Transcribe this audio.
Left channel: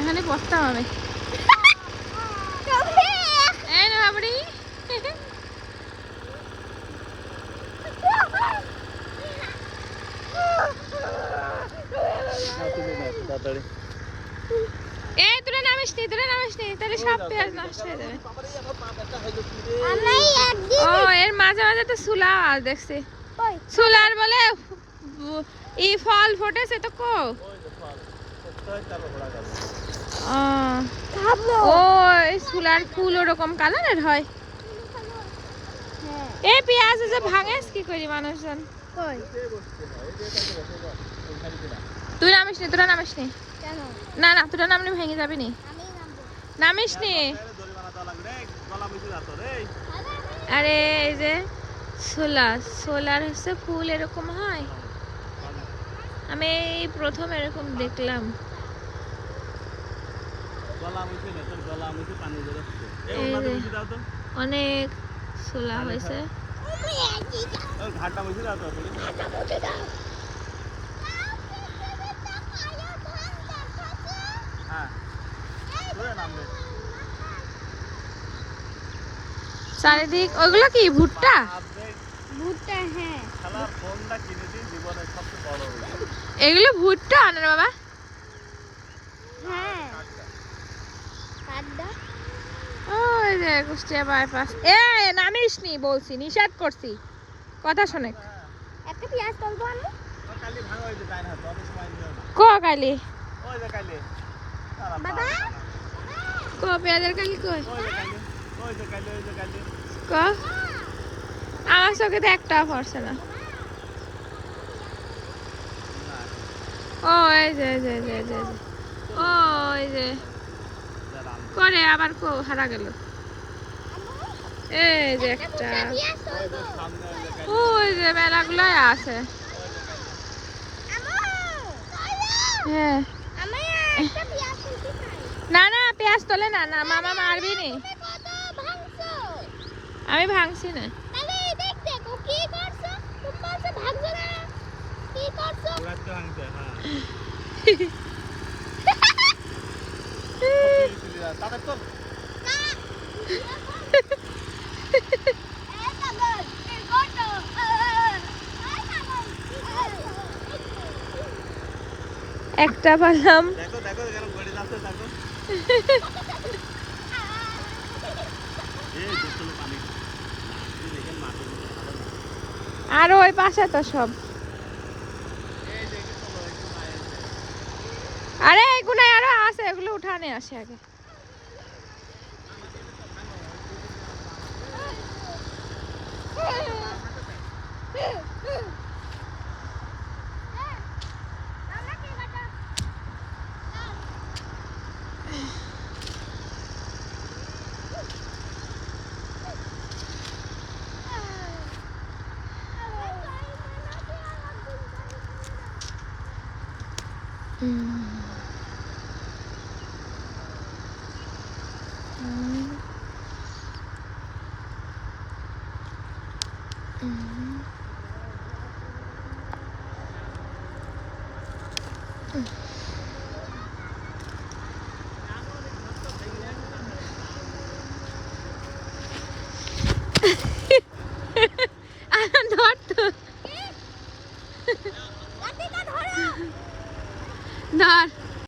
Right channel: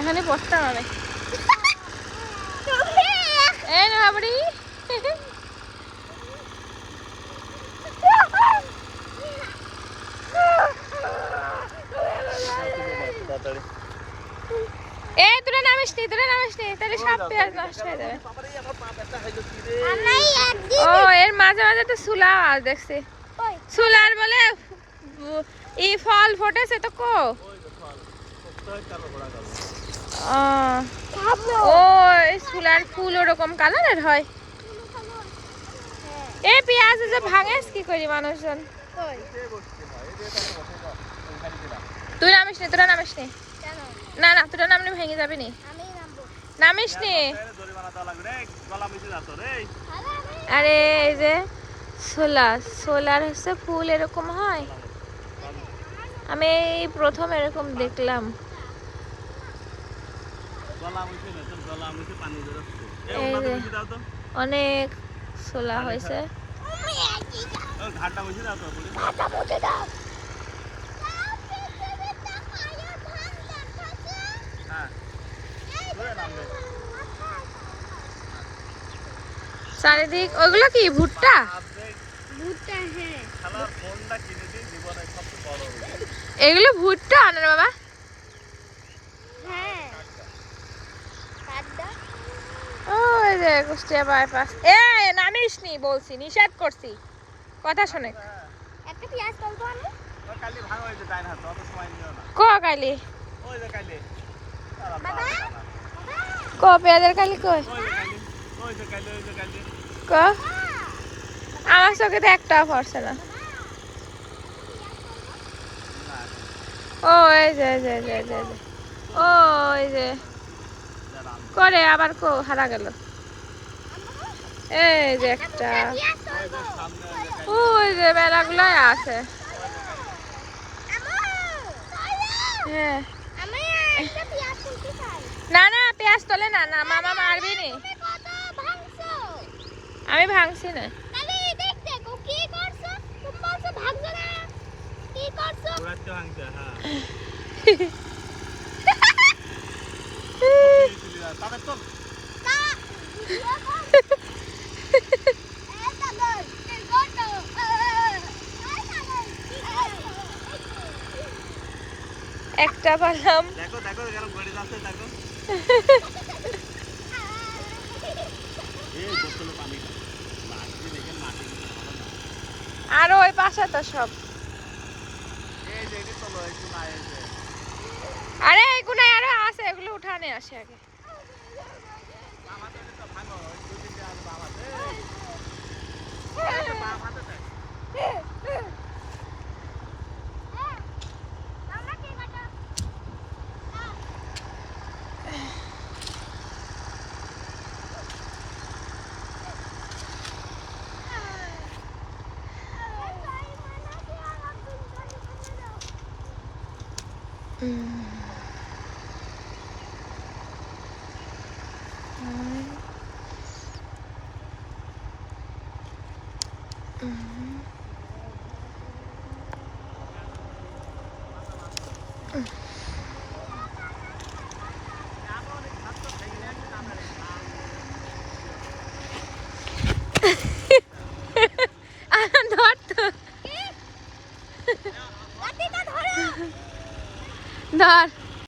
এখানে বসতাম আমি। এই না বাবুরি, এই তোরা নামিস নি, তাহলে সব পেঁয়াজ নষ্ট হয়ে যাবে। ও এর মাঝে মাঝে তো সুলা আজ দেখছি, সুলার বলে ই ফল ফোটেছে তো কো। ও এই সুলার ফুল ওরকম কালারের হয়। এই পেঁয়াজ যে ভাঙেস কি করি মানুষজন। তুই নামিস নি, তোরা নামিস নি। না না তোরা নামলে ভেঙে যাবি নি, নামিস নি। আরে এই যে সোলার হচ্ছে ফুল এরকম হয়, আমি এই প্রথম এরকম দেখলাম। এই যে অনেক সোলা হয়েছে। চারিদিক ওগুলো কি ভুট্টা? হ্যাঁ এগুলো ভুট্টা আনে বাবা। ওই যে কুষ্টিয়া বাইপাস। এ নামিস নি বলছি, নিষেধ করছি, কথা শোনে। ক কালি ক পেঁয়াজের কালি কই ক, আমার চোখে তো একটাও পড়ছে না। ও এই যে ও এই যে করে আবার কো হারা গেল। এই যে একটা, ওই যে বেড়াগুলাই আছে। হ্যাঁ না না পেঁয়াজ তোলে না, না মামা মারবি নি, আমি ভাঙছি না। একটা পালাম। আর ওই পাশে তো সব, আরে এগুলো আরো আছে, এগুলো উঠানে আসে আগে। ধর